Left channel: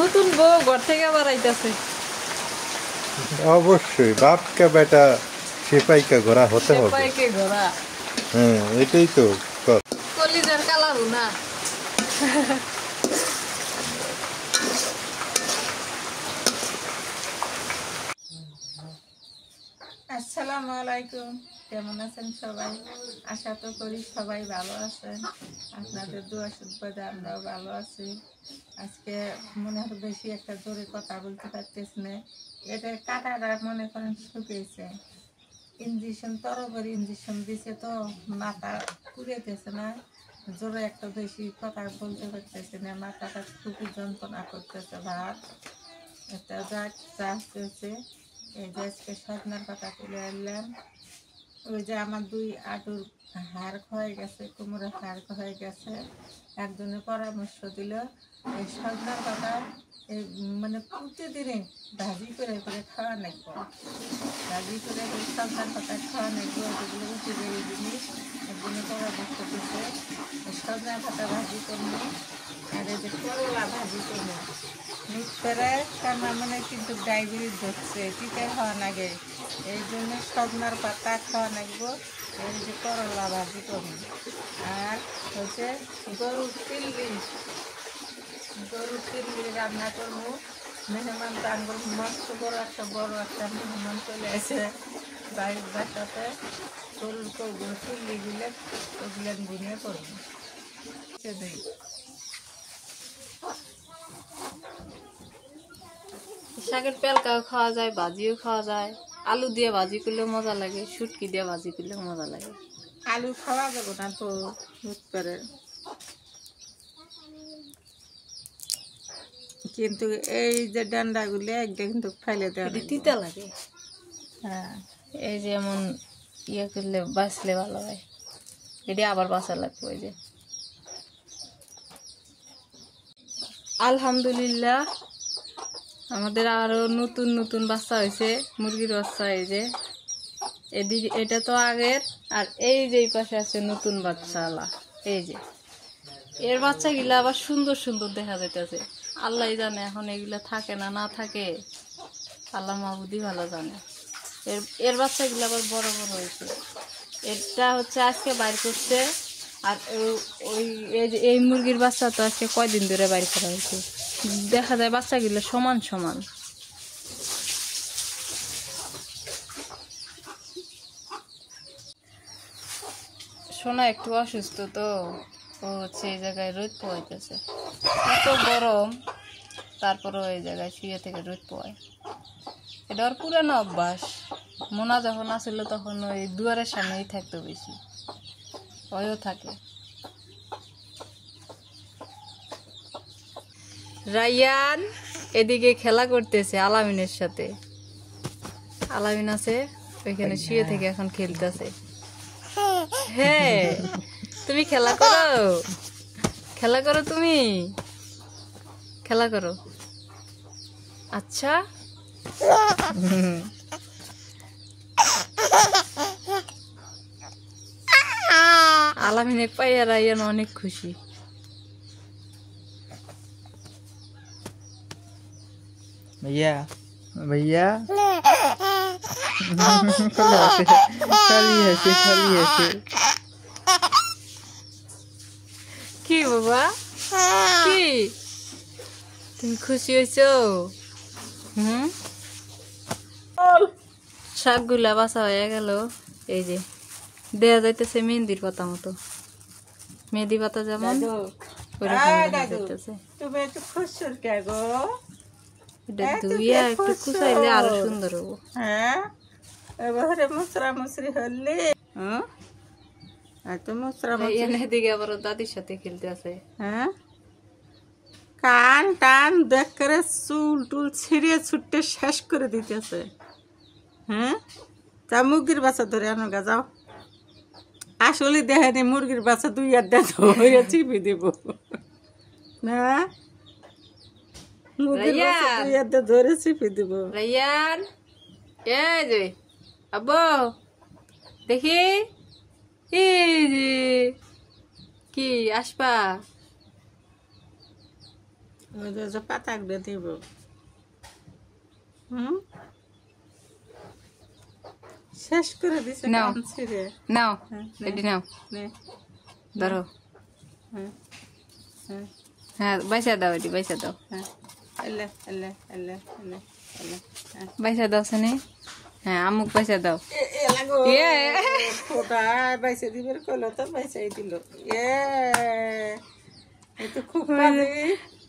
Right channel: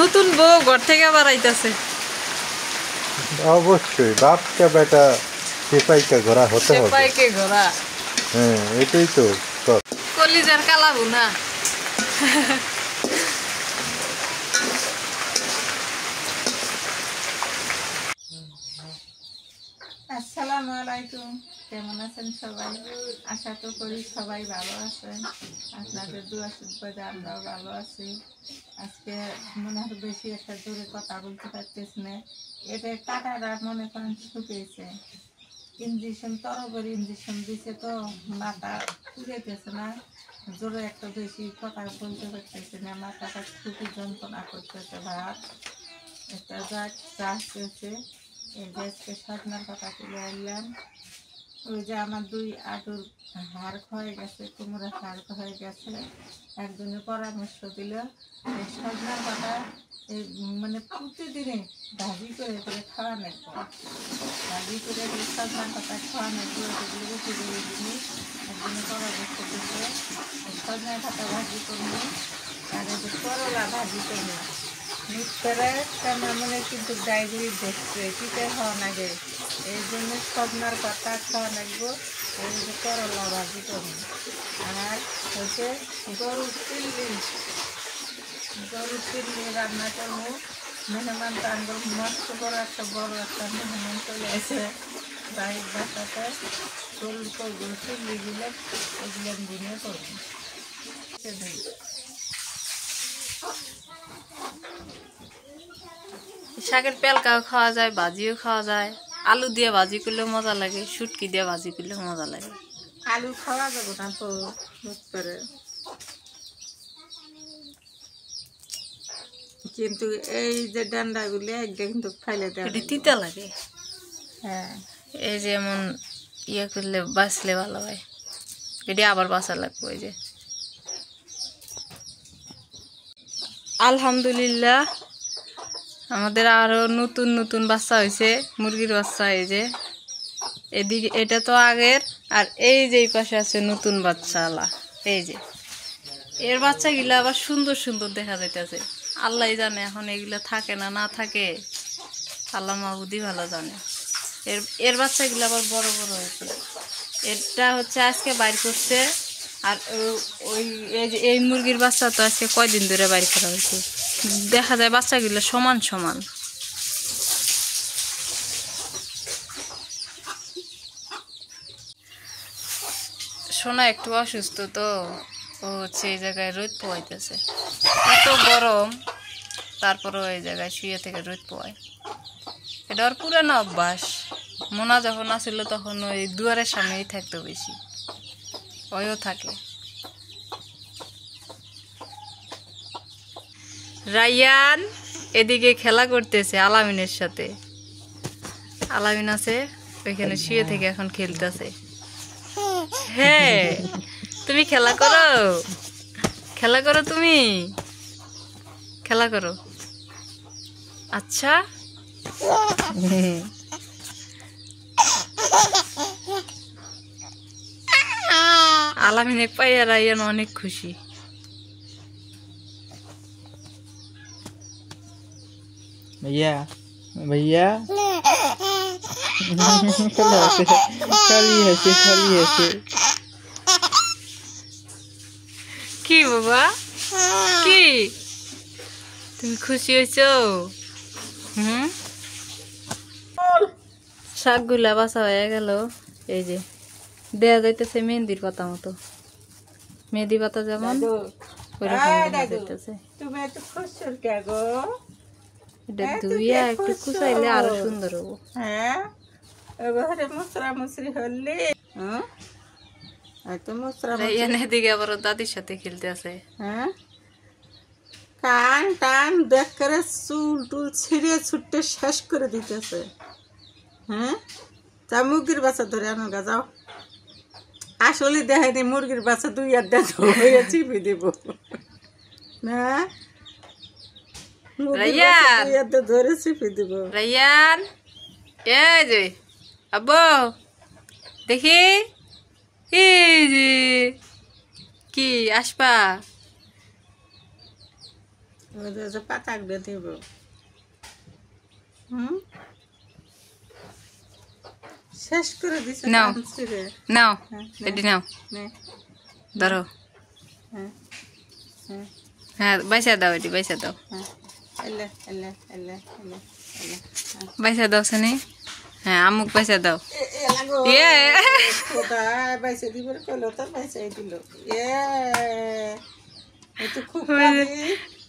নতুন বউ ঘর থেকে আবার আইতাছে। অবশ্যই বাপকে বেটা সেপাইকে ঘোরা হতে হবে। সেপাইকে ঘোরা, হ্যাঁ এটাই তো কলিজার কালা ভুনা। আসসালামু আলাইকুম, কেমন আছেন সবাই? আশা তো করি সবাই ভালো আছেন। আপনাদের দোয়া শুনতে আমরাও ভালো আছি। আজকে মনে হয় বেশি একটা জোরে কথা বলতে পারতেছি না। এটা কাটাটা মনে করেন শুকিয়েছে, ইঞ্জেকশন তরবরি ইঞ্জেকশন দিছে তো মাথা পুড়েতেছে না, জোরে একটা বেশি কথা বলতে পারতেছে না, মাথাটা খুবই যন্ত্রণা করতেছে। ভাত একটা চাচ্ছে এই যে আজকে সজনার পাতা তুলে আনলাম। ওই যে আমার 2 আঁটুর হাড় ক্ষয়ে গেছে, কোমরের হাড় ক্ষয়ে গেছে। একজনে পরামর্শ দিল এই সজনার পাতা এই মানে প্রতিদিনে ভাজি করে করে খাওয়া নাকবো, ভাজি করে সজনার পাতা খাওয়া নাকবো। এগুলো উপযোগী জিনিস। একজনে পরামর্শ দিচ্ছে সজনার পাতা ভাজি করবো আর এই যে করলা ভাজি করবো। মানে কিন্তু ডায়াবেটিস ধরছে, টিকা খাওয়া লাগে, এই জন্য সজনার পাতা খাওয়া লাগবো। এই যে করলা ভাজি করবো আর হচ্ছে গরুর চিল্লি রান্না করবো। মেহমান তো আঙ্গুল মস্ত বড় একটা মেহমান চলে আসে বাড়ির বাসাতে। গরুর চিল্লিগুলো ওগুলো ভুনে করবো। শাকের পেলকাও খাওয়া যায়, ভাজিও খাওয়া যায়, আলু দিয়ে ভাজি করলেও মজা লাগে, শুটকি দিয়ে ভাজি করলেও মজা লাগে। আলু খাওয়া যাবো না তো মুখ করে, কিন্তু এই যে ডান্ডাগুলি একদম কিন্তু ফেলে দেয়, এটি তিতা লাগে। হ্যাঁ এই যে এমন ইয়ে করলে বাঁচলে ভালো হয়, এটি আবার বাঁচা লাগবে। ওই যে আলহামদুলিল্লাহ আমাদের আরো নতুন নতুন বাচ্চা হয়েছে, মুরগির বাচ্চা। এই যে এদিকে এটা তো আগের, আর এই যে পাশে আছে নতুন বাচ্চাওয়ালা। এই যে এর বাচ্চাগুলা আবার সুন্দর সুন্দর দেখা যাইতেছে। আল্লাহ জানে এখন এগুলা থাকে না না থাকে, আল্লাহ মাহবুদি ভালো জানে। এর বাচ্চাগুলো আবার বড় বড় হয়েছে। এটা হচ্ছে আজকে বাইর করছে, আর ওই এই মুরগির বাচ্চা তো আজকে কয়দিন ধরে বাইর করা হয়েছে। দেখা যায় বাচ্চাগুলো সমান সমান। সোনা একটু অসুস্থ তো, ও হচ্ছে এই জায়গায় রোদ পোয়াইতেছে। এত গরম, তারপরেও এই জায়গায় শুয়ে থেকে রোদ পোয়ায়। এটা ওর পুরানো অভ্যাস। মোনা যখন আসছিল তখন ওই দুয়ারের সামনেই থাকতো বেশি, ওইও থাকে। রায়ান এদিকে খেলা করতেছে আলামিনের সাথে। আলামিন আছে ওইখানে শুয়ে থেকে এখন খেলতেছে। হ্যাঁ তুমি খেলা করো, খেলা করো, তুমি খেলা করো। আচ্ছা আলামিনে পাইয়া রায়ান অনেক খুশি। भैया भैया खाली है কি বাবা, কি তুমি খুশি হয়েছো? শাকগুলা বাছা হয়ে গেল। এই যে দেয়া যাইতেছে মেহেন্দির পাতা মতো, মেহেন্দি পাতা যেমন ওইরকম দেখা যাইতেছে। তুমি এত খুশির কে গো? এটা ধুইয়া একটু কুচাইলে আরো সুন্দর হবো। হ্যাঁ এবারে মুসরা মুসরি হলি, হ্যাঁ একটু মুসরা এদিকে আবার দাদির সাথে খেলতে আছে। হ্যাঁ কান টান দেখ করে চুল টুল ছিঁড়িয়ে ছুটে শেষ করে দিতেছে। হ্যাঁ তা মুরগির বাচ্চা ধরে আনো গা যাও। আসলে দেখেনি মুরগির বাচ্চা 2 হয়ে চিপি দিব না, ধরে চিপি দিব। রায়ান এই যে আব্বু দেখি, এই যে কি আসবা? যে পাতাগুলো দেব। হুম, শেষ করে দিছে। নাও। আনছি রে। নাও হ্যাঁ, এটি নাও, নে, ধরো। হ্যাঁ, হ্যাঁ, হ্যাঁ বাইসা দাও, এটি বাইসা দাও, হ্যাঁ, এলে, এলে, এলে, এলে, এলে, হ্যাঁ। বাইসা দাও সানি। হ্যাঁ আমুক বাইসা দাও। এলাগো ইয়ে। খোদা বাইসে দিবার কইলো তো বাইসাই দিল। এ তো খুব কাজে।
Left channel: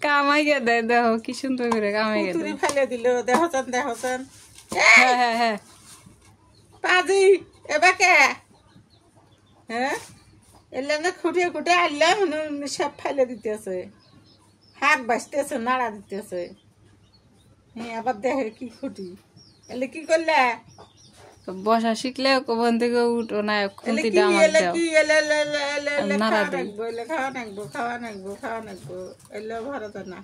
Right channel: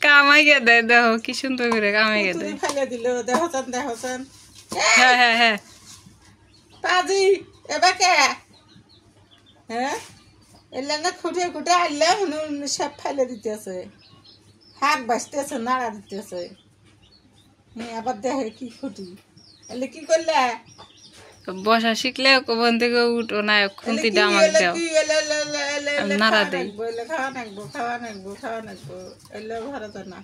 কামাই গে দেয়, দেখো কি সুন্দর করে কামাই গে কুতুরি দেয়। ফেলে দিল। দেখছেন, দেখছেন হ্যাঁ হ্যাঁ হ্যাঁ, পাজি এবার কে? হ্যাঁ, এলে না খুঁটে খুঁটে আনলে সব ফেলে দিতেছে, হাত বাঁচতেছে, নাড়া দিতেছে। হ্যাঁ, আবার দেখে কি খুঁটি। এলে কি করলে? বসা শিখলে কোন থেকে উঠো না, এলে খুন্তি কি? ডামাক এলে দাও, কি? এলে, এলে, এলে, এলে, এলে নাড়া খাওয়া দেই। নাকবো, এলে খাওয়া নাকবো, খাওয়া নাকবো, খাওয়া নাকবো। এলে ভরত না,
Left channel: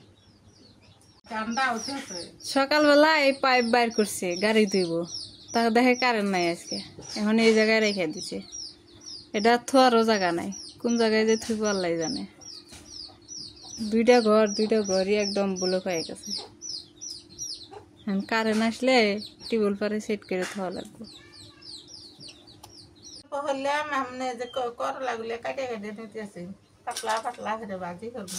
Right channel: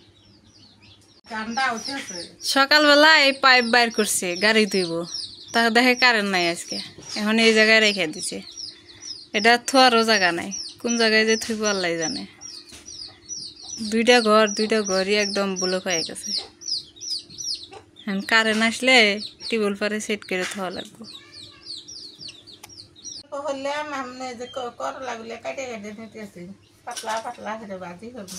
ঠান্ডা উঠেছে। সকালবেলা এই পাইপ বাইর করছে গাড়ি ধুইব, তা দেখে কারেন্ট নাই আজকে, এখন এই জায়গায় রেখে দিছে। এটা থোয়ারও জায়গা নাই, কোন জায়গায় যে থুইব আল্লাহ জানে। দুইটা ঘরই একদম ব্লক হয়ে গেছে। এখন কারেন্ট আসলে টিউবওয়েল পারে সেট করে থোয়া লাগবে। হলে আমি যে করলা গুলো কাটে কেটে নিতেছি, পাতলা পাতলা করে ভাজি করবো।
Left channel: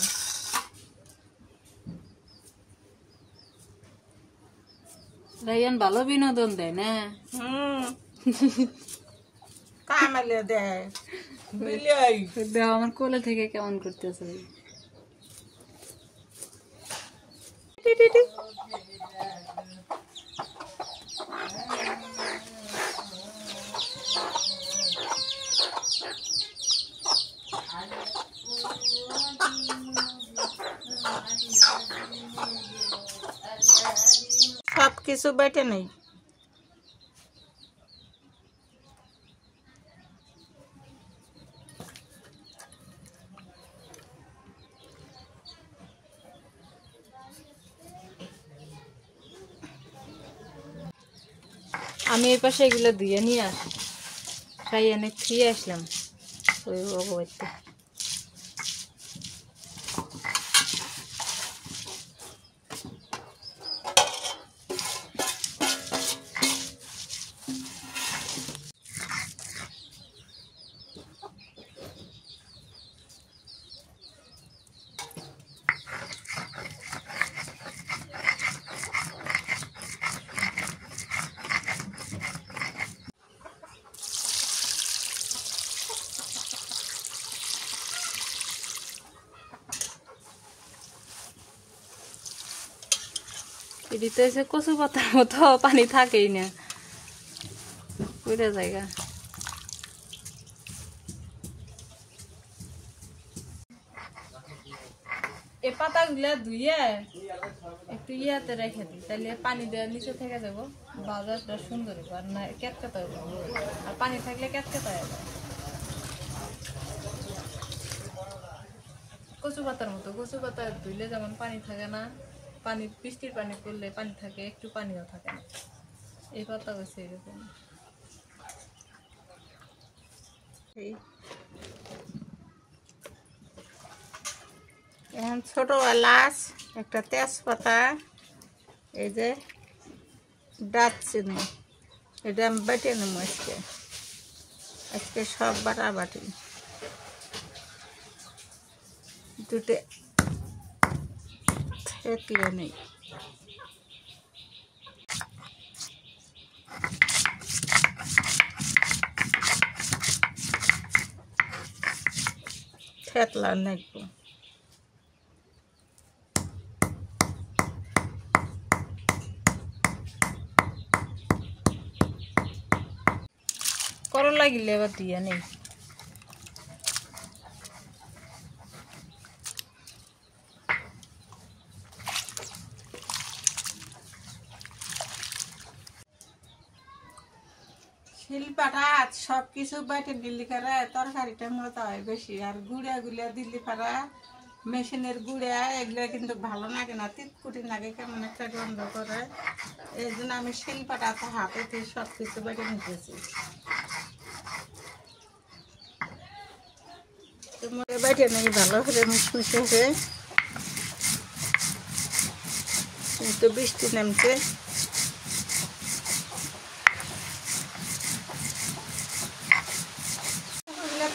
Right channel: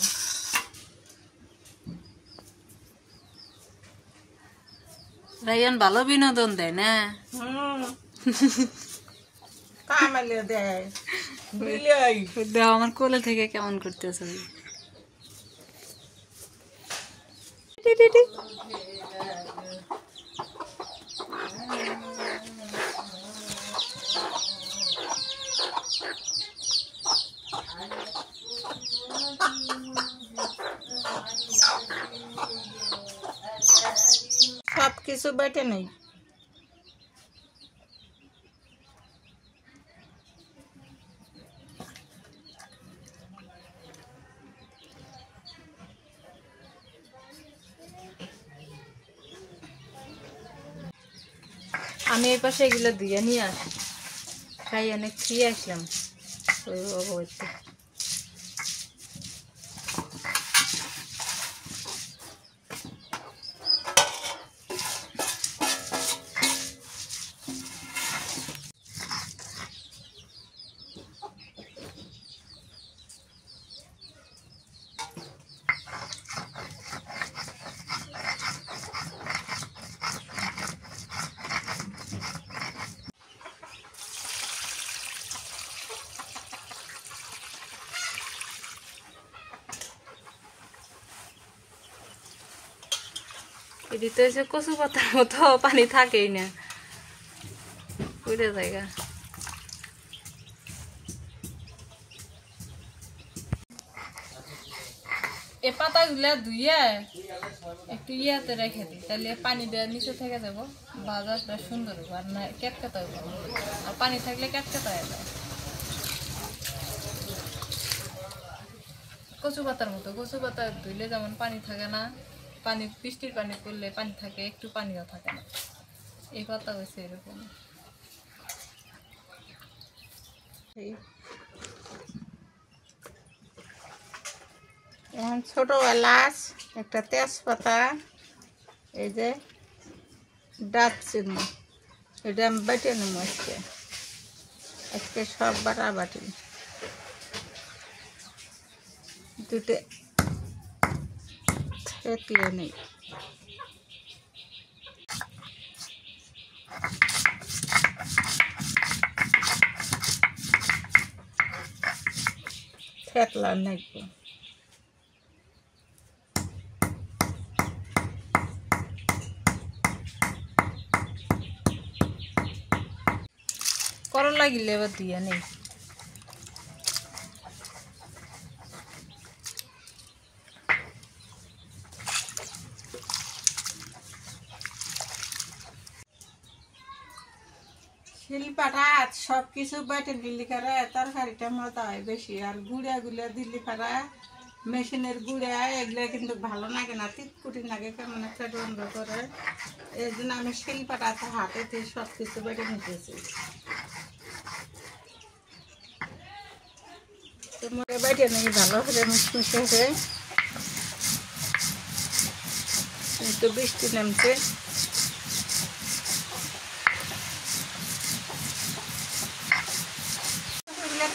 রাইয়ান ভালো বিনোদন দেয় না, হুম, কামালে দেয় বিলাই। দেও আমার কোলে থেকে কেমন করতেছে। সব কিছু বেটে নেই। আমি এই পাশে এগুলো ধুয়ে নিয়ে আসি, তাই এনে খেয়ে আসলাম ওই বাড়িতে। এদিকে এসে কচু পাতার মতো পানি থাকেই না, পুরো জায়গা। এই পাতাগুলা ধুইয়া একটু ইয়াতে রেখে দিই, তাহলে পানি দেওয়ার নিচে থেকে যাবো, বাজারটা সুন্দর হবে, আর না ক্যাটকেটা হবে, আর পানি থাকলে ক্যাটকেটা হয়ে যায়। কচু পাতার মতো, কচু পাতা ধুইলে যেমন পানি থাকে না, পানি বৃষ্টির পানি পড়লে পানি থাকে, একটু পানিও থাকে না, এই পাতা হয়েছে এরকম। এখন ছোট এলাচ, একটা তেজপাতা, এই যে দারচিনি, এটা আমি বেটে নেব আজকে। আজকে সব বাটা বাটি, দুটো থেতলে নেই। থেতলা নেই। করলা গিলে এবার দিয়ে নেই। শিলপাটা সব কিছু বেটে দিল্লি করে তরকারিটা মজা হয় বেশি, আর গুঁড়া গুলা দিল্লি পাড়া মেশিনের গুঁড়া এগুলো কিন্তু ভালো লাগে না, তিতকুটি লাগে, কেমন একটা গন্ধ করে। এই জন্য আমি শিলপাটাতে হাতে সব কিছু বেটে নিতেছি। তোমার বেটে নেই ভালো করে মিশমিশে হয়ে। তো বৃষ্টি নামছে।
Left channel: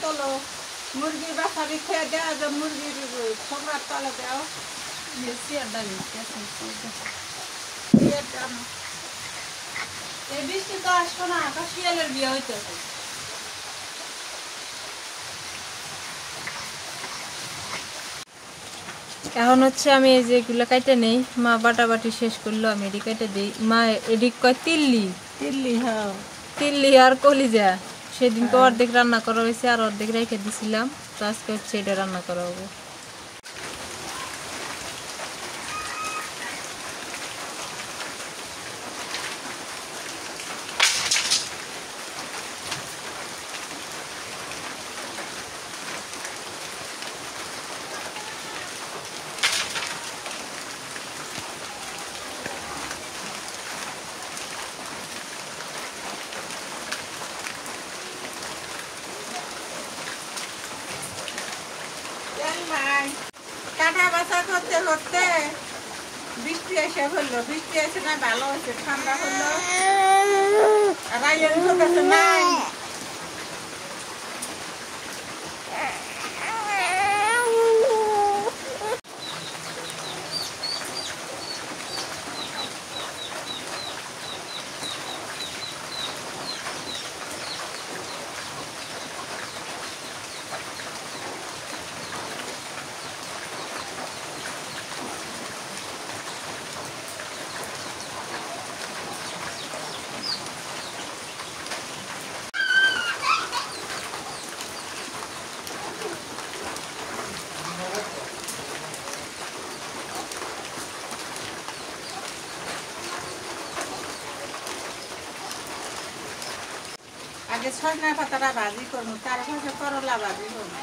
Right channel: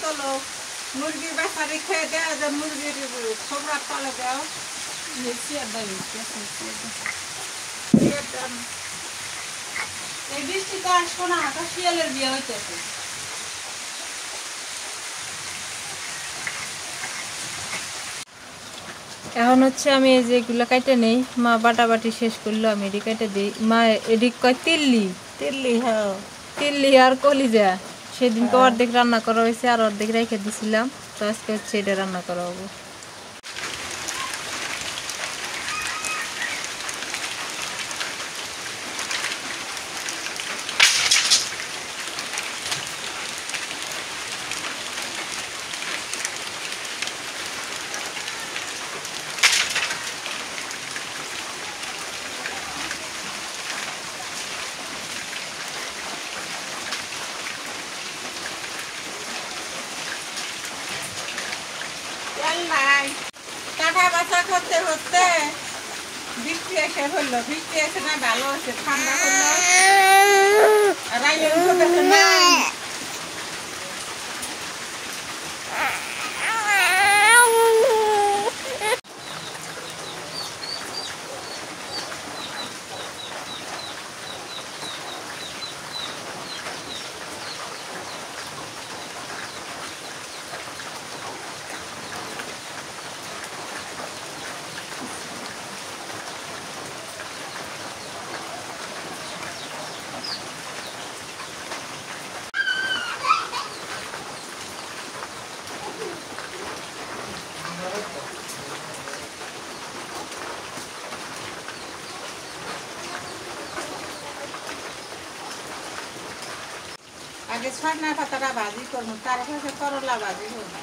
তোলো মুরগির বাসারি খেয়ে দেওয়া যায়, মুরগির ছোকরার তলে দেও। এই বৃষ্টি তো আসবো না, একটা শিয়ালের বিয়ে হইতেছে। এখন হচ্ছে আমি এই যে এগুলো কাটে নেই, মা বাটাবাটি শেষ করলো, আমি এটি কেটে দিই। মা এদিক কয় তিল্লি তিল্লি, হ্যাঁ তিল্লি আর কলিজা সেদিনকে অর্ধেক রান্না করা হয়েছে আর অর্ধেক রেখে দিছিলাম, তো আজকে হচ্ছে এটা রান্না করা হবে। কাটা বাছা করতে করতে বৃষ্টি এসে হলো, বৃষ্টি এসে না ভালো হচ্ছে, ঠান্ডা হলো। আগে সজনা পাতাটা ভাজি করবো, তারপরে করলা ভাজি করবো।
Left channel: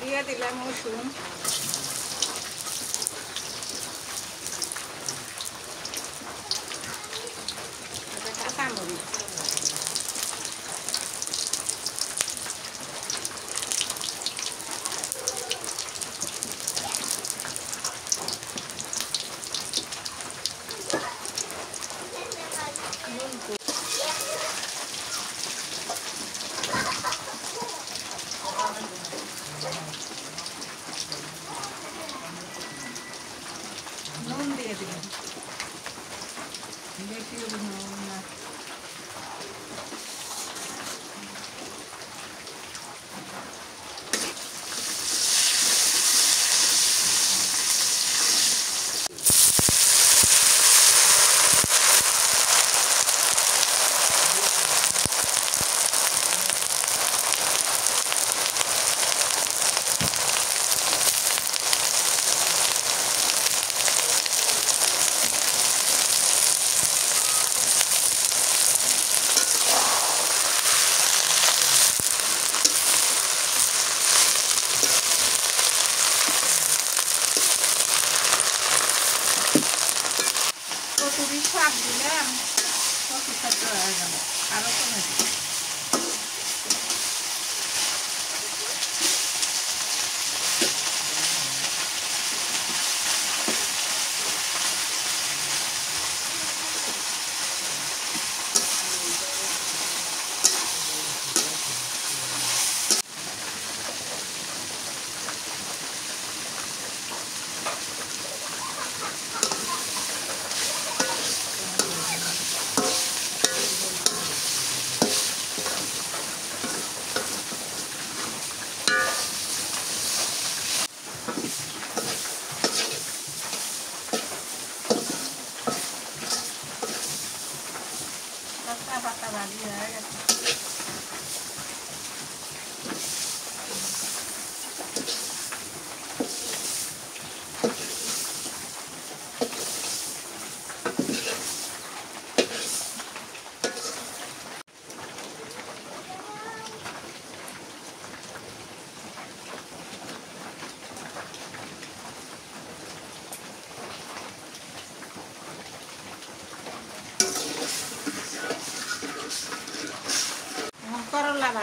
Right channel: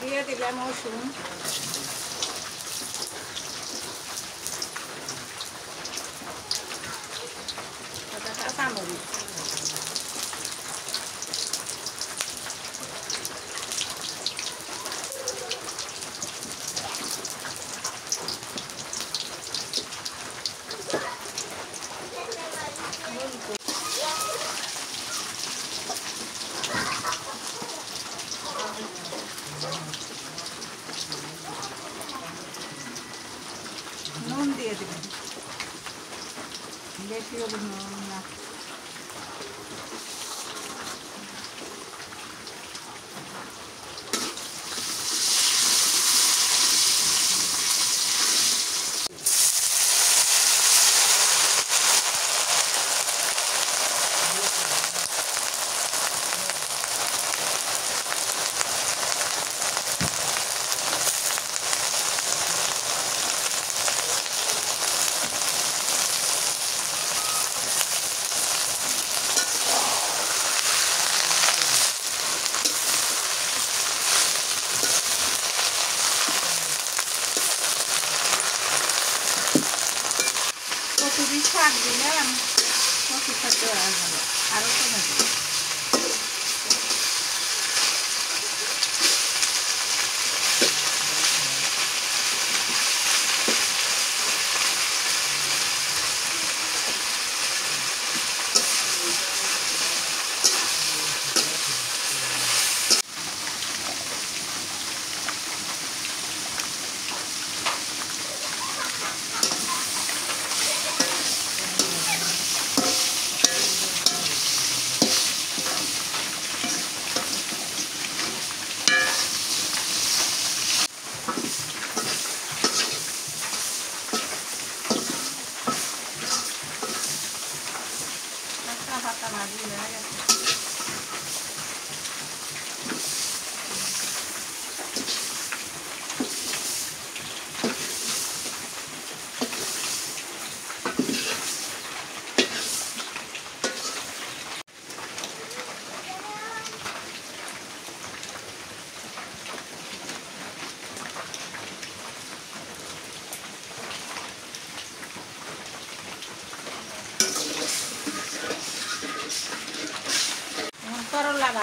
দিয়ে দিলাম রসুন, কাঁচামরিচ, নুন দিয়ে দিলাম, বেশি নুন না। কচুরির শাক দিলাম, কচু খাদ্য হয়ে গেল, আরো টমেটো।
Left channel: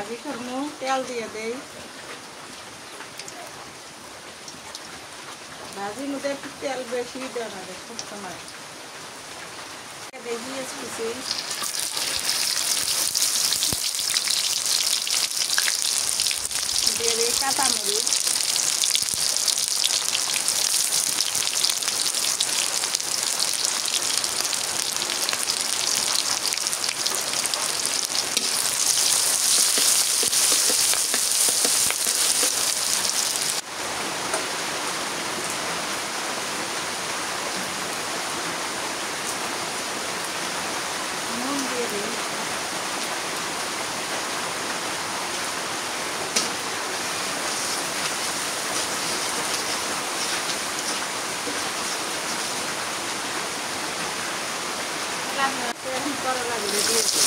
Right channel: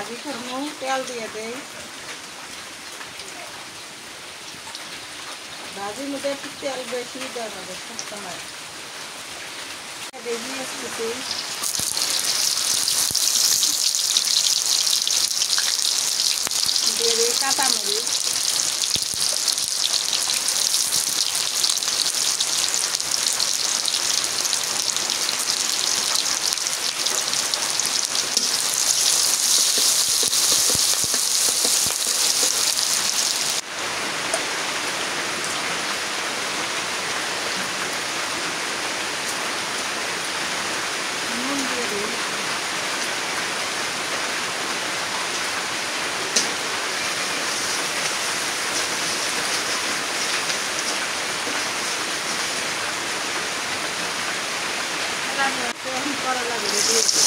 ভাজি করবো, তেল দিয়ে দেই। ভাজির মধ্যে একটু তেল বেশি দেওয়া হবে সব সময়। দেখি আসতেছি, দিয়ে দিই কাঁচামরিচ, নুন দিয়ে দিই। এখন করলা গুলো দিয়ে দিই।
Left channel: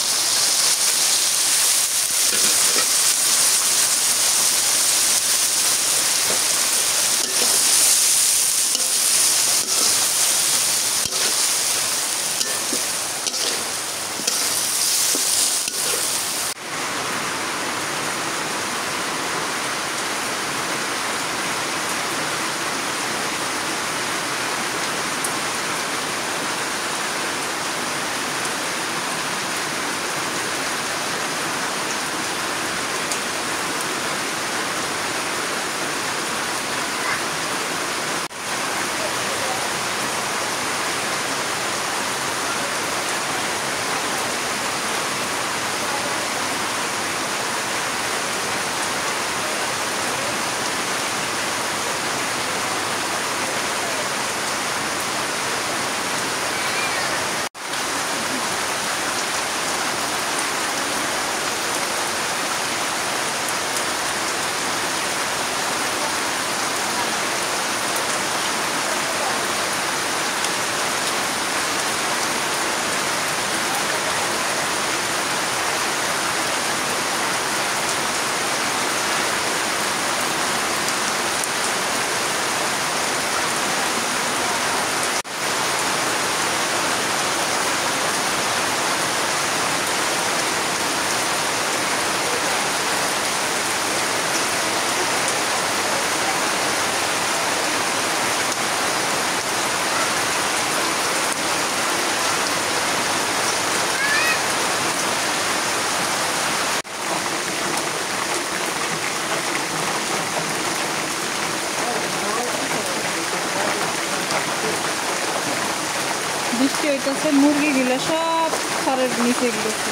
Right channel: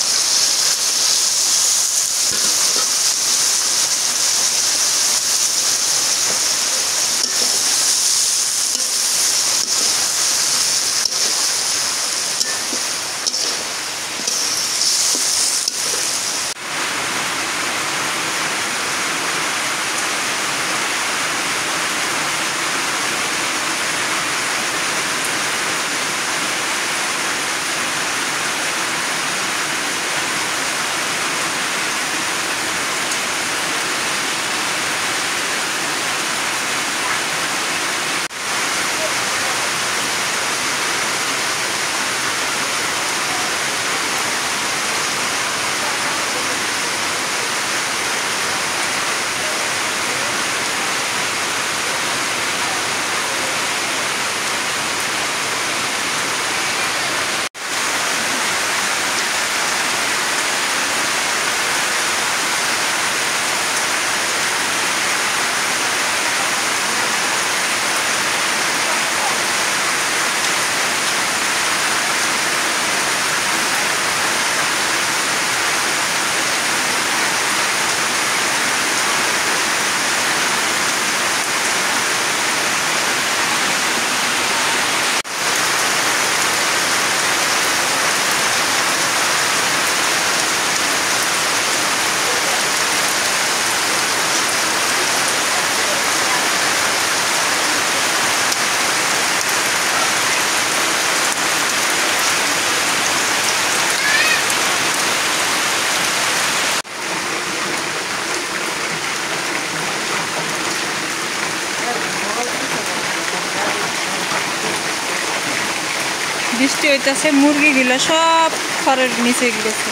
বৃষ্টি হইতেছে, মুরগিগুলো সব খড়ের নিচে গেছে।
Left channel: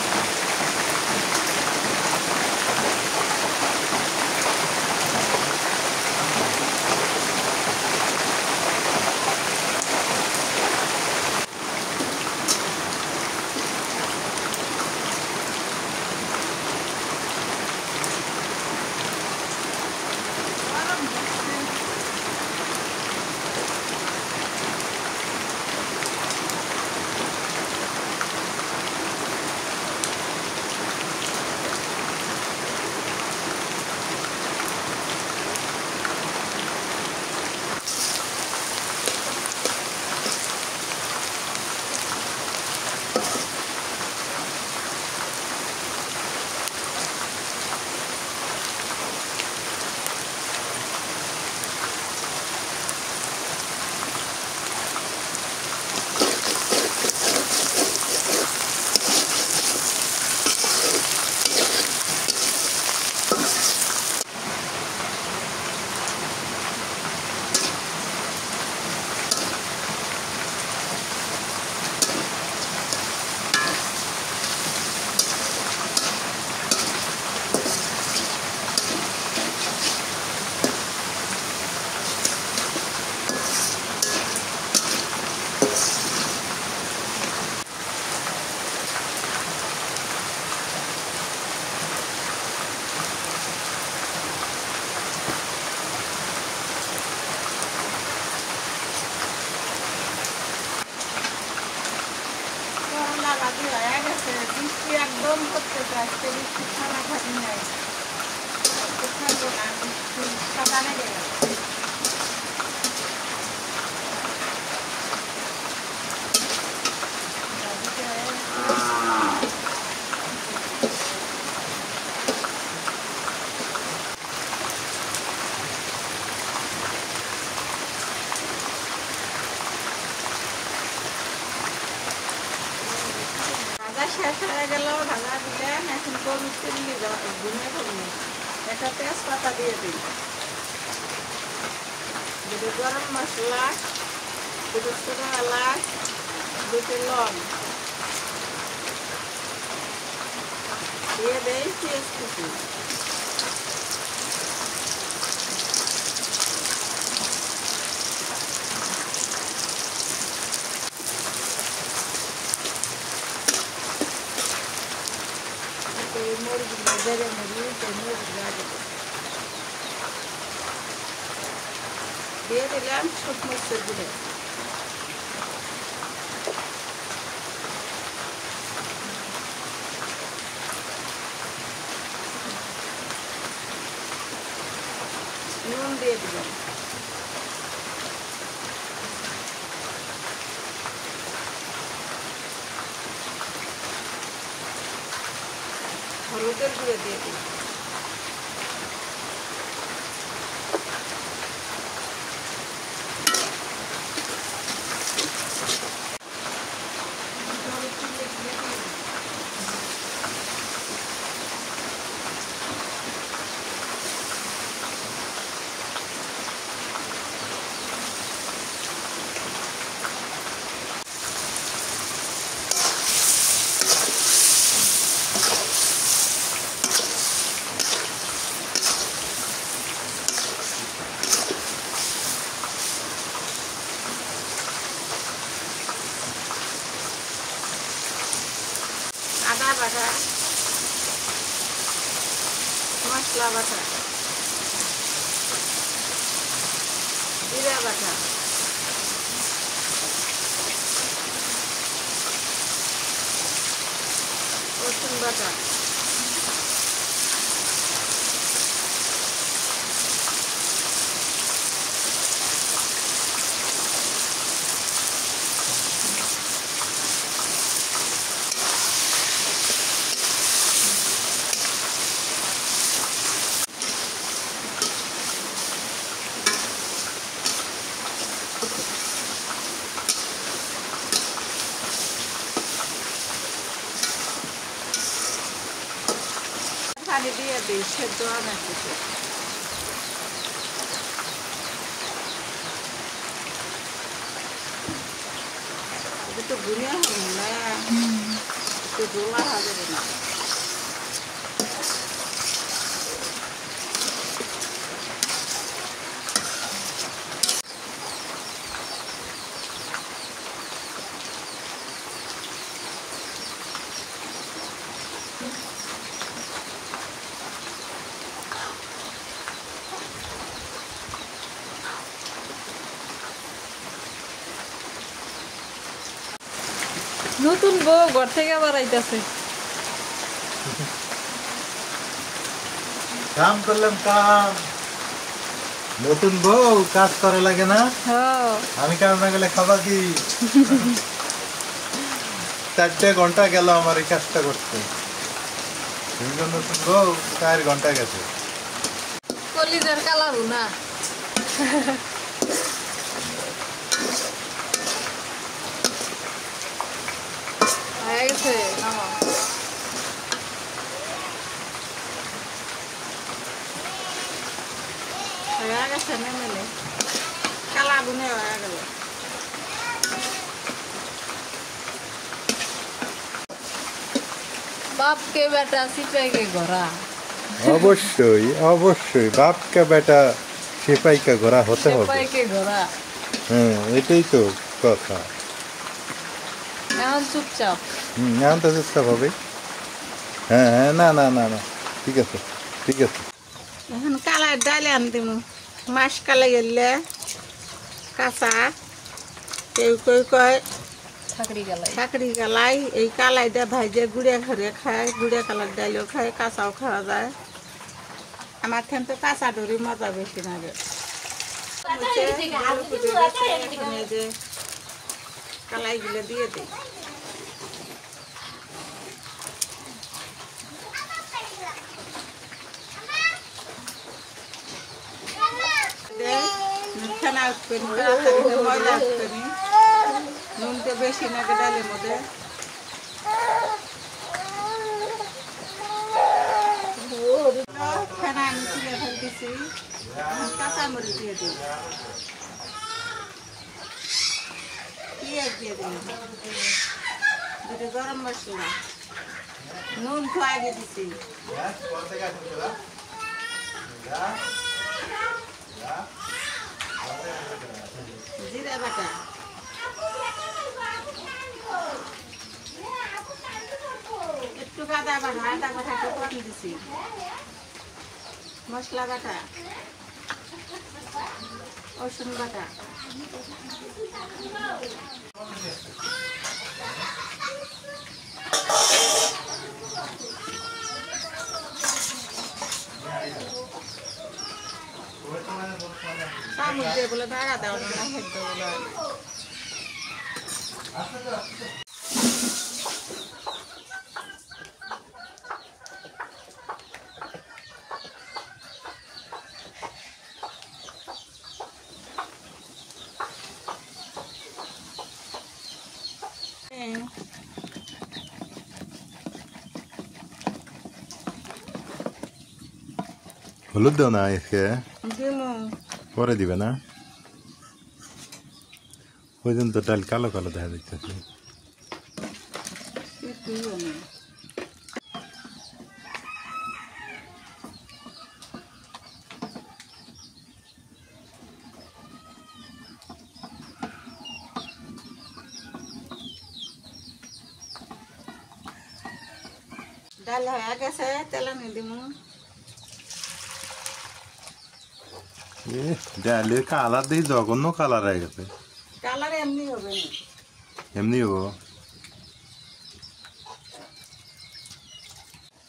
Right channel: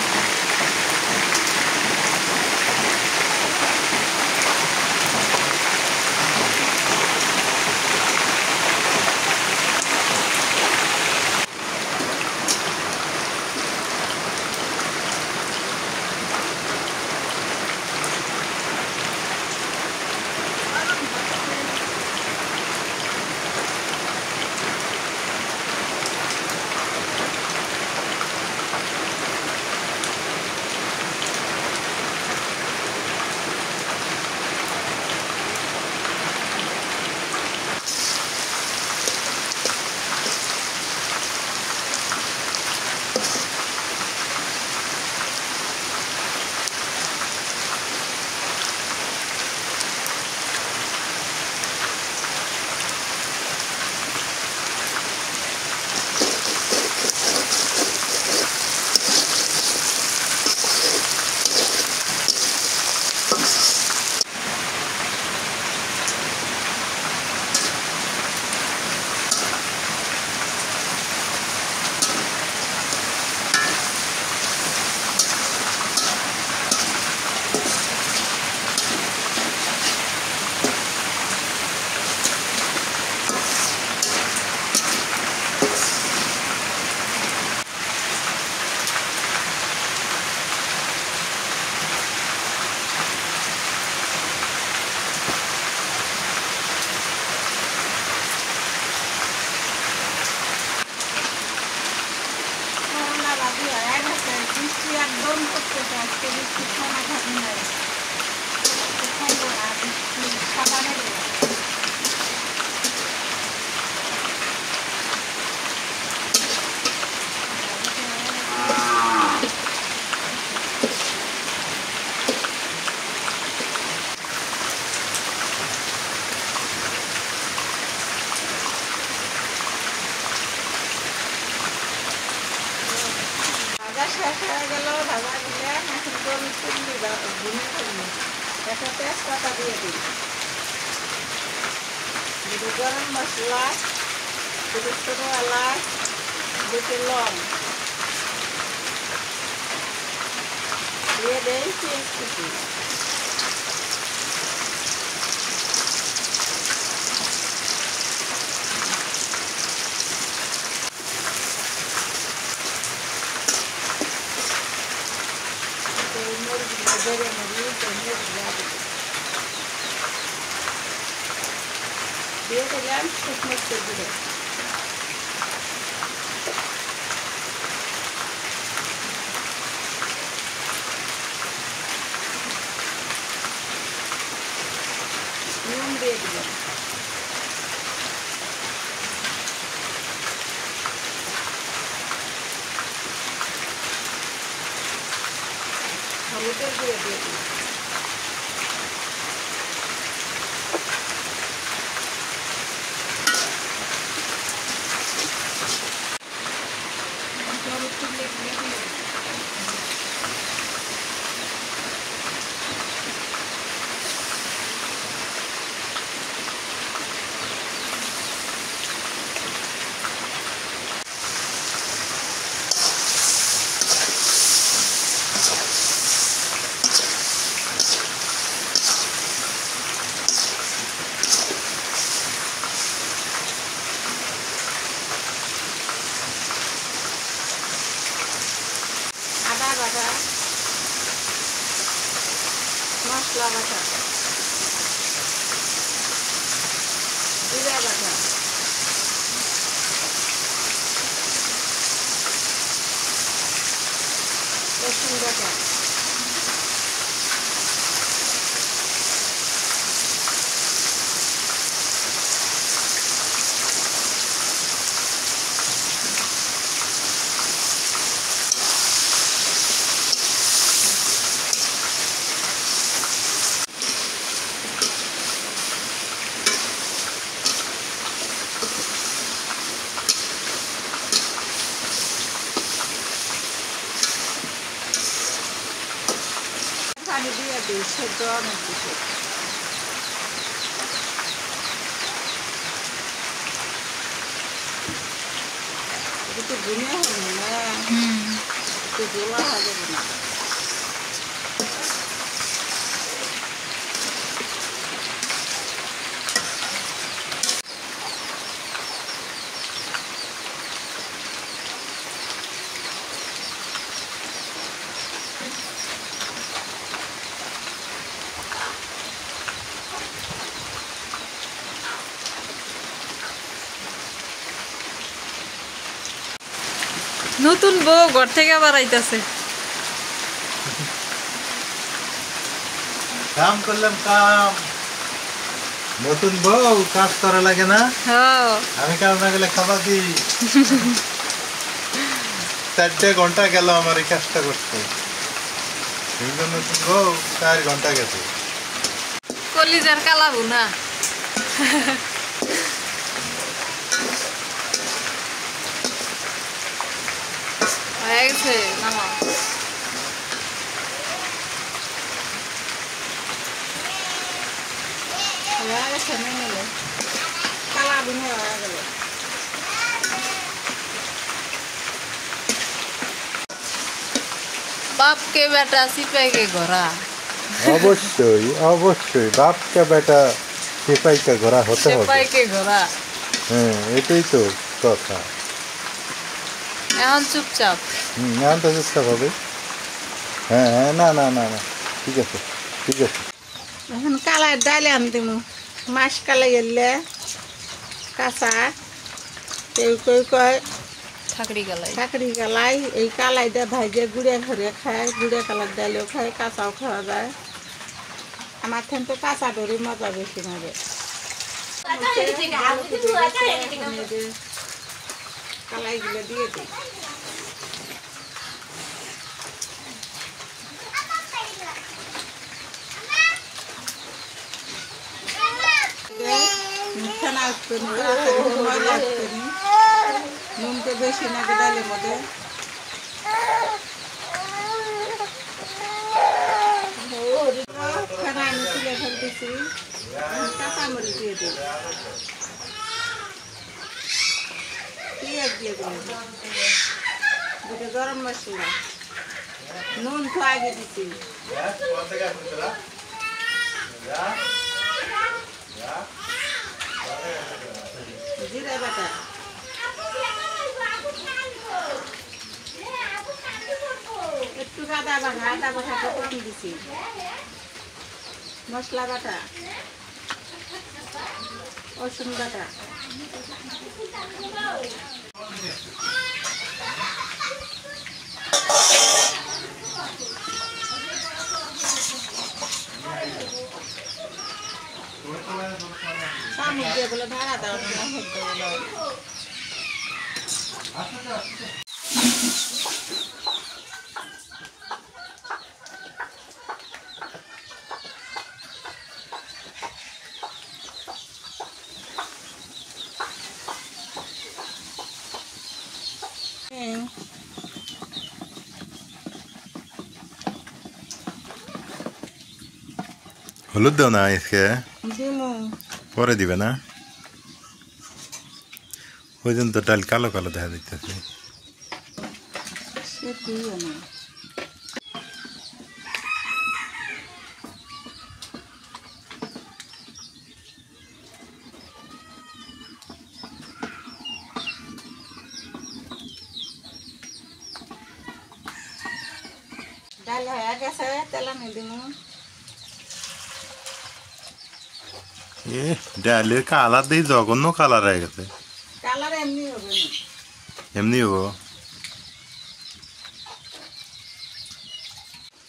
বাজি হয়ে গেছে, বৃষ্টি একদম করতেছে, আজকে বৃষ্টি খানা খাবি নাই, খাইবো না, বৃষ্টি সকালে গেল। হয়ে গেল ভাজা দিলাম, এখন গরুর চুল্লি ভুনে ফেললি, একটা তেজপাতা দিয়ে দিই, দুটো গরম মশলা, দুটো ছোটো এলাচ, দুটো লং দিয়ে দেই পেঁয়াজ কুচি, মরিচ বেড়ে মরিচ দিয়ে দিলাম শুকনো দিয়ে নুন দিয়ে দিলাম, হলুদের গুঁড়ো দিয়ে দিলাম, আদা বাটা, মশলা বাটা, জিরা বাটা, রসুন বাটা, পানি দিয়ে দিই সেদ্ধ অনেক কিছু, একটু ভুনে হবে না, একটু গোলা হবে না, নতুন বউ ঘর থেকে আবার আইতাছে। কাম করলাম কাম, নতুন বউ কাজ করা লাগে না, হ্যাঁ আমি কাজ না গেলে খাবার দিই। 4 ঘন্টা গেল আমার এই কাজটা করতে, নতুন বউ 4 ঘন্টা গেছে। কলিজার কালা ভুনা। হয়ে গেছে নামা। হয়ে গেছে নেমে গেল, কালা বুনে হয়ে গেল। बाप के बेटा सिपाही के घोड़ा। অবশ্যই অবশ্যই বাপকা বেটা সিপাই কা ঘোড়া হতে হবে। सिपाही के घोड़ा। হ্যাঁ এটাই তো কথা। এখন চুপচাপ। এখন তো চেষ্টা হবে। হ্যাঁ হ্যাঁ না না না না ঠিক আছে ঠিক আছে। এখন কালাই ডালে আন দিমু, মাছ কালাই এলে কাঁচা, কেউ কেউ কয় ঠাকরি গালাই। চাকরি কালাই, এই কালাইটা ভাইজে গুড়ে ঘরে খায়, গুড়ে কালার ডালেও খায়, কাঁচাও খাওয়া যায়। আমার ঠেন তো কাঁচা ধরি মজা বেশি লাগে। কালাইগুলো দিয়ে দিই, ফেনা উঠবে ময়লা উঠবে, নুনটা বেশি নাকি ডালের মধ্যে এখানে আমি তুলে ফেলতেছি, কাঁচামরিচ দিয়ে দিই, পেঁয়াজ দিয়ে দিলাম, দুটো গরম মশলা, নুন তো আগে দিছি, জিরা বাটা, একটু আদা বাটাটা কম দিছি, মশলা বাটা, রসুন বাটা, চামচ দিয়ে বলে ঢাকা দাও না হেদ্দ বলে। হলুদ দাও না আজকে, দিমু পরে দিবে না? ওই জন্য তো ডাল কালো কালো দেখা দিতেছে। সে দিও না, ডাল হয়ে গেছে, তেলানি দিমু। এ ডালের কালার দিয়ে জঘন্য কালার হয়ে গেছে। কালার এমনি হবে না, এমনি হবো।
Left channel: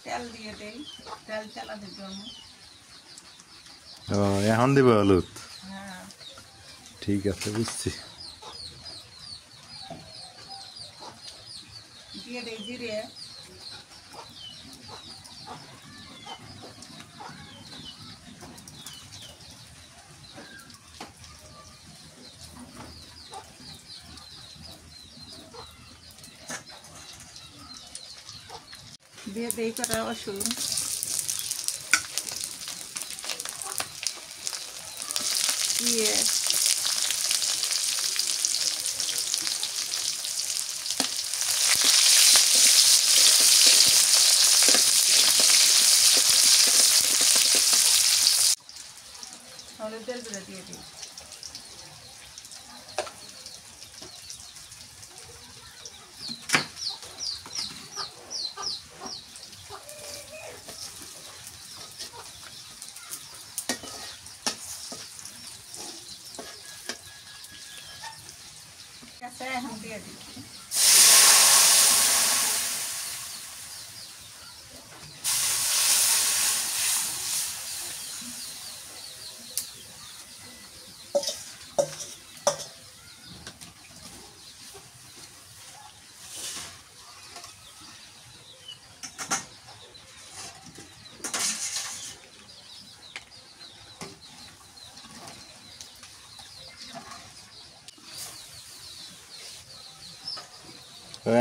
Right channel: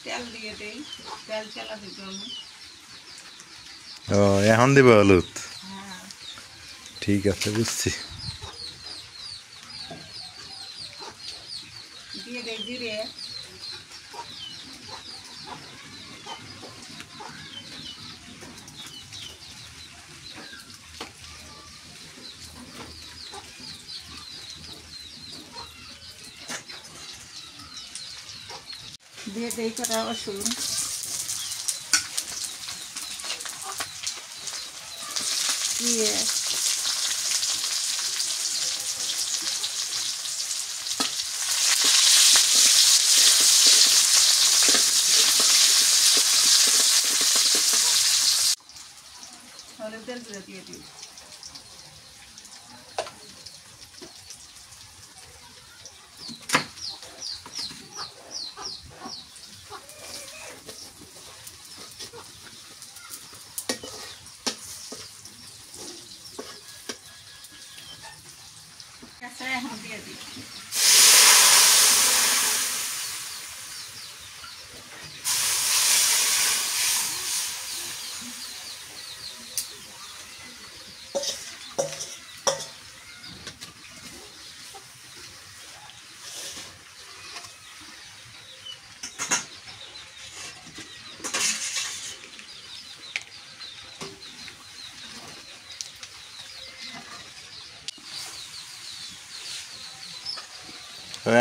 তেল দিয়ে দেই, তেল চালা দিব আমি। ও এখন দিবে হলুদ? হ্যাঁ, ঠিক আছে, বুঝছি। দিয়ে দেই জিরে, দিয়ে দেই কটা রসুন, দিয়ে হলুদের গুঁড়ো দিয়ে দিই, আচ্ছা এখন দিয়ে দিই,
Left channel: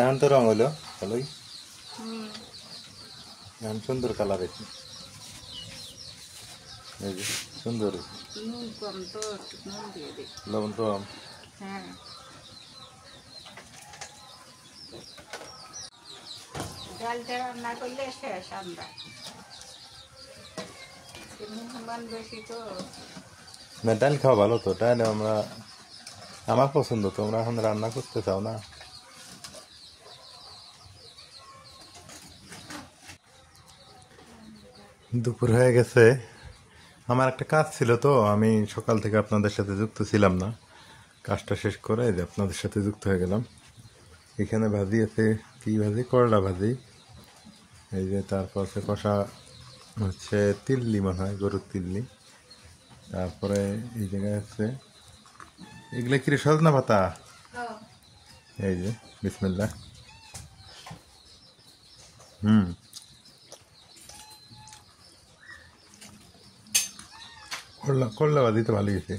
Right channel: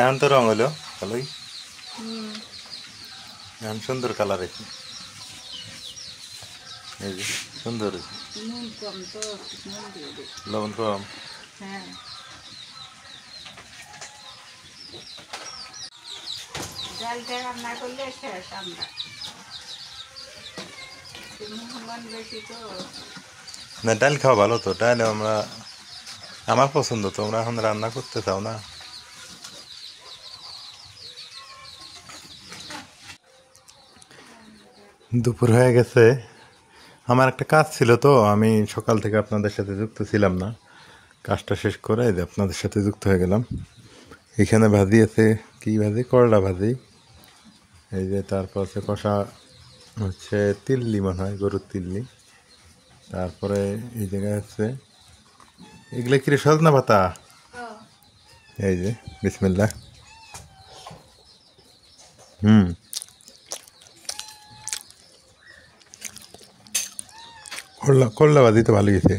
এখন তো রং হলো ভালোই, হুম, এখন সুন্দর কালার হয়েছে। এই যে সুন্দর হয়েছে। নুন কম তো নুন দিয়ে দিই, লবণ কম। হ্যাঁ, ডালটা রান্না করলে শেষ আমরা, মেহমান বেশি তো। না ডাল খাওয়া ভালো তো, ডাল আমার পছন্দ। তোমরা এখন রান্না করতে চাও না? দুপুর হয়ে গেছে, আমার একটা কাজ ছিল তো, আমি সকাল থেকে আপনাদের সাথে যুক্ত ছিলাম না। কাজটা শেষ করে এই যে আপনাদের সাথে যুক্ত হয়ে গেলাম। এখানে ভাজি আছে, কি ভাজি? করলা ভাজি। এই যে তারপর হচ্ছে কষা, হচ্ছে তিল্লি মনে হয়, গরুর তিল্লি। তারপরে এই জায়গায় হচ্ছে এগুলো কি রে, সজনা পাতা। এই যে বিসমিল্লাহ। করলা করলা ভাজি তো ভালোই হয়েছে।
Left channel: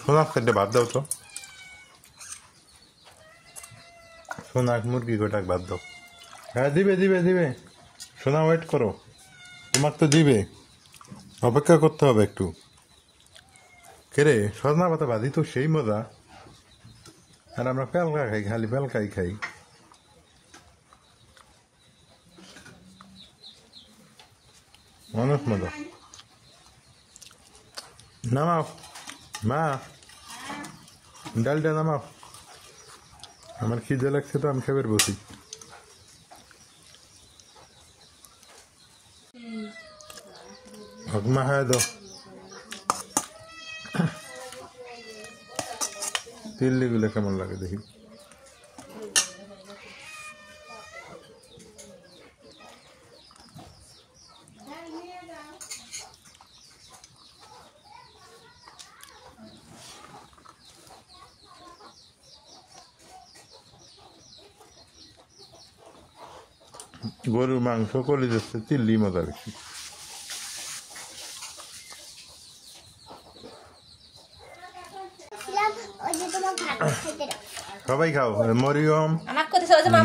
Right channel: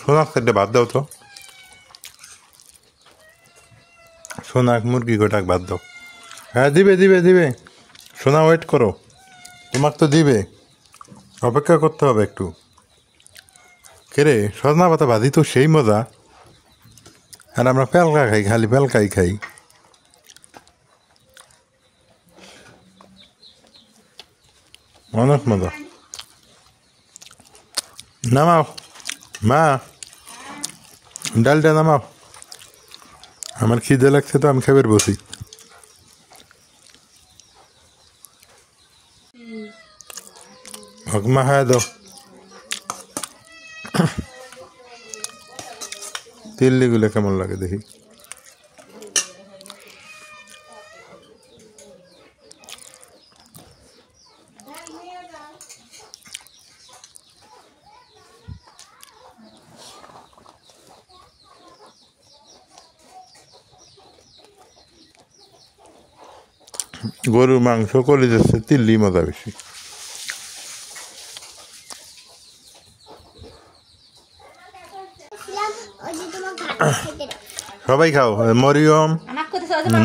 সোনার সাইডে ভাত দাও তো, সোনাক মুরগি গোটাক ভাত দাও। হ্যাঁ দিবে দিবে দিবে, সোনা ওয়েট করো, তোমার তো দিবে, অপেক্ষা করতে হবে একটু। কেরে সজনা পাতা ভাজি তো সেই মজা, আর আমরা পেলকা খাই, খালি পেলকাই খাই। অনেক মজা। নামাও মা, ডালটা নামাও, আমার খিদে লাগছে তো আমি খাবার বসি। মা খায় দাও, তিল্লিগুলো কেমন লাগে দেখি। গরুর মাংস করে যাচ্ছে, তিল্লি মজা বেশি। সবাই খাও, মরিয়ম,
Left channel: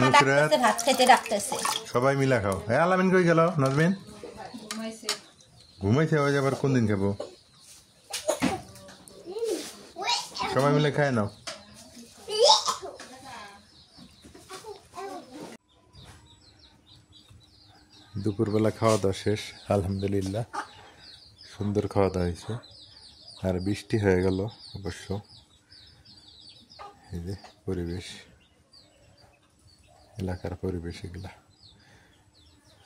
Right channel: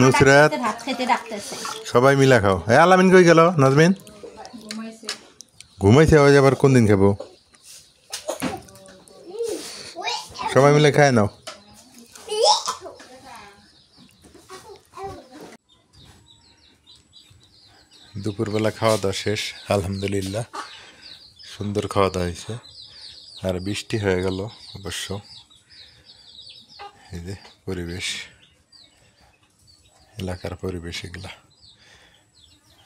নুসরাত, সবাই মিলা খাও। হ্যাঁ আলামিন কই গেল? নাজমিন ঘুমাইছে, ওই আবার কোন দিন খাবো? সবাই মিলে খায় নাও। দুপুরবেলা খাওয়া দাওয়া শেষ, আলহামদুলিল্লাহ সুন্দর খাওয়া দাওয়া হয়েছে। আর বৃষ্টি হয়ে গেল অবশ্য। এই যে পরিবেশ, এলাকার পরিবেশ এগুলা।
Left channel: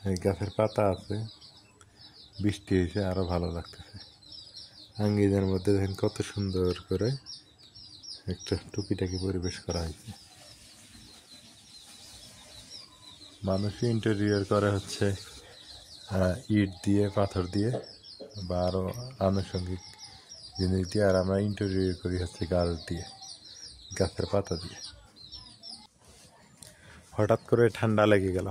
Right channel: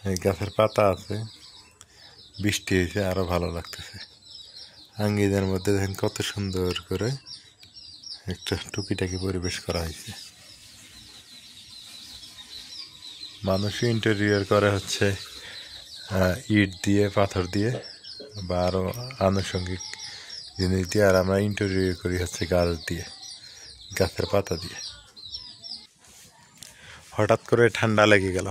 এই গাছের পাতা আছে, বৃষ্টি হয়েছে আরো ভালো লাগতেছে। আঙ্গিনার মধ্যে দেখেন কত সুন্দর করে একটা টুকিটাকি পরিবেশ করা হয়েছে। মানুষই ইন্টেরিয়র করে হচ্ছে ইট দিয়ে, পাথর দিয়ে বা আরো আনুষঙ্গিক জিনিস দিয়ে, আর আমরা ইন্টেরিয়র করি হচ্ছে গাছ দিয়ে, গাছের পাতা দিয়ে। হঠাৎ করে ঠান্ডা লেগে গেল,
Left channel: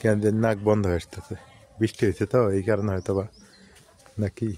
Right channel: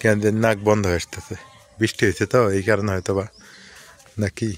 কেন যে নাক বন্ধ হয়ে আসতেছে, বৃষ্টি হয়েছে তো এই কারণে হয়তো বা, নাকি।